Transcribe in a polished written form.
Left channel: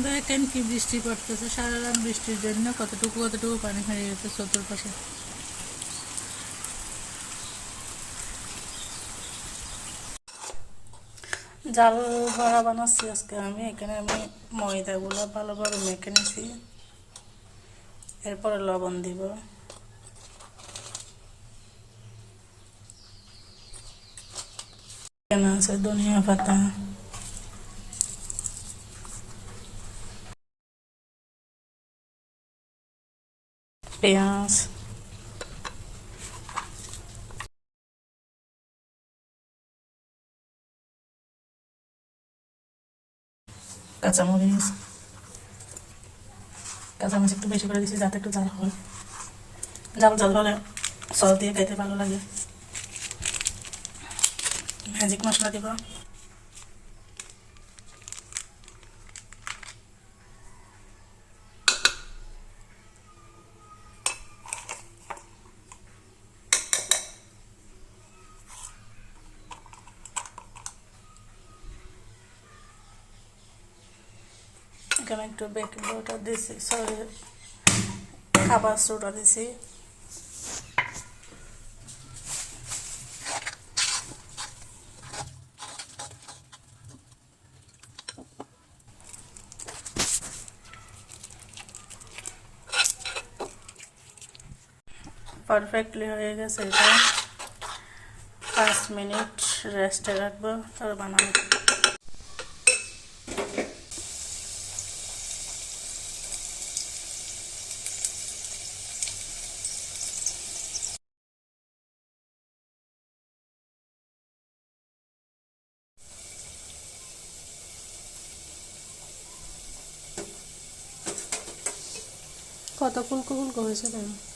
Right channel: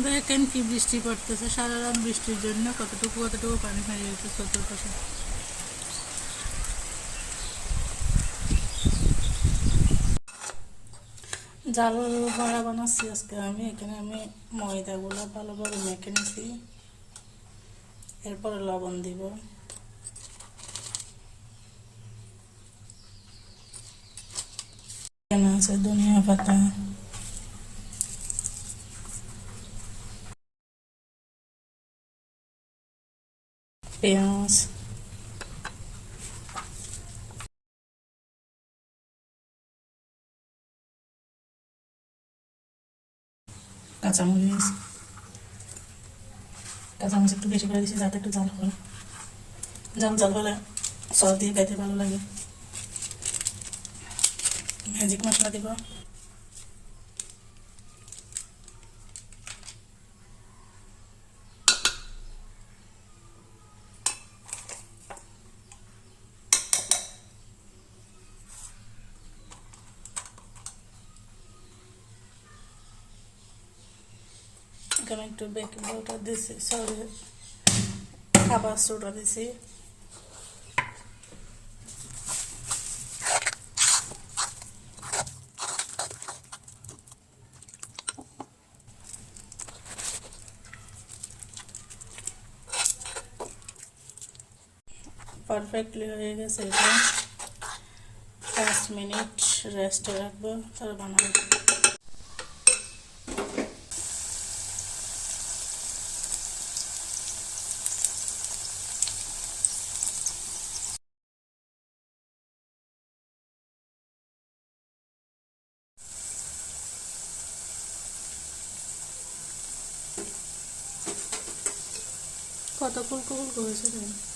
দেখেন কি বৃষ্টি পড়তেছে, সারা রাত বৃষ্টির জন্য কতটুকু কতটুকু পানি হয়ে গেছে চতুর্পাশে। জাল বড়া বানাচ্ছি আজকে আমি। এখানে আমি ময়দাগুলো ভালোভাবে মেখে নিছি, এরপরে লবণ দিব, এখানে আছে ধনিয়া পাতা, পেঁয়াজ, কাঁচামরিচ। কাঁচামরিচ একটু বেশি করে দিচ্ছি যাতে একটু ঝাল হয়, ঝাল ঝাল হলে সস দিয়ে খাইতে ভালো লাগে। ম্যাজিক মশলা দিব, এখানে একটু বেকিং পাউডার দিছি, সরি খাবার সোডা দিছি, পারফেক্টলি হয়ে গেছে। এটা 5 মিনিট রেস্টে রাখবো, তারপর বানাবো। কত ফুলকো ফুলকো হয়েছে দেখো।